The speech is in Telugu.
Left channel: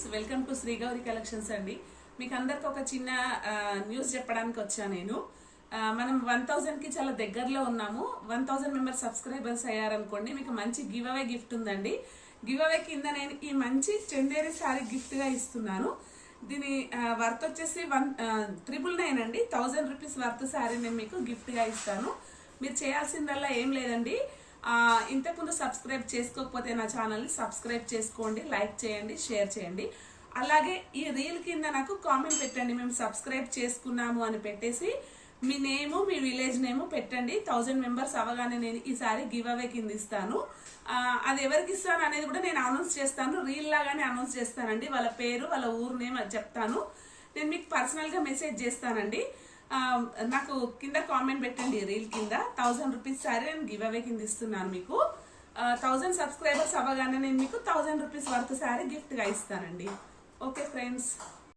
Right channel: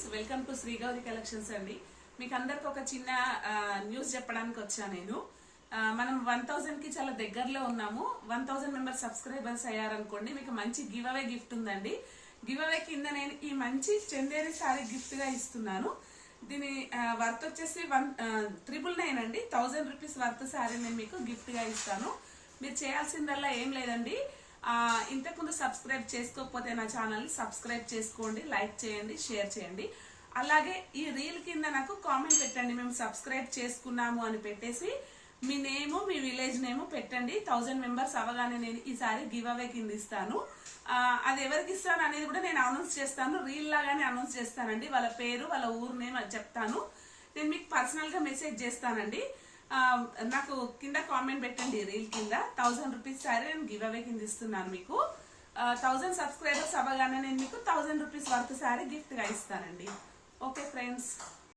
Friends, welcome to Shri Gauri collections అండి. మీకు అందరికి ఒక చిన్న న్యూస్ చెప్పడానికి వచ్చాను నేను. మనం 1000 కి చాలా దగ్గరలో ఉన్నాము. 1000 మెంబర్ సబ్స్క్రైబర్స్ అయ్యారనుకోండి, మీకు మంచి గివ్ అవే గిఫ్ట్ ఉందండి. గివ్ అవే కింద నేను ఈ మంచి చందేరి సారీ గిఫ్ట్ గా ఇస్తున్నాను. దీని వర్త్ వచ్చేసి 999 అండి. 1000 రూపీస్ వర్త్ సారీ నేను మీకు గిఫ్ట్ గా ఇస్తాను. మీరు చేయాల్సిందల్లా ఏం లేదండి, ఇంతకుముందు సబ్స్క్రైబ్ చేసుకోకపోతే నా ఛానల్ ని సబ్స్క్రైబ్ చేసుకోండి, లైక్ చేయండి, షేర్ చేయండి. అలాగే ఈ రీల్ కింద నాకు కామెంట్ పెట్టండి, మేము సబ్స్క్రైబ్ చేసుకున్నాము అని పెట్టేసి మీ నేము, మీ విలేజ్ నేము పెట్టండి. 1000 మెంబర్స్ అవగానే నేను ఈసారి గివ్ అవే కింద ఇస్తాను. అది ఎవరికి ఇస్తాను అనేది కూడా నేను అనౌన్స్ చేస్తాను, రీల్ లాగానే అనౌన్స్ చేస్తానండి. వాళ్ళ పేరు, వాళ్ళ ఊరు నేమ్ అది చెప్తాను. నేను మీకు పర్సనల్ గా మెసేజ్ చేస్తానండి. నాకు కింద కామెంట్ పెట్టండి రీల్ కింద. 1000 రూపీస్ సారీ నేను గివ్ అవే కింద ఇస్తున్నాను మీకు. 1000 సబ్స్క్రైబర్స్ అవ్వగానే నేను మీకు 1000 రూపీస్ వర్త్ సారీ గిఫ్ట్ గా ఇస్తానండి. Okay friends.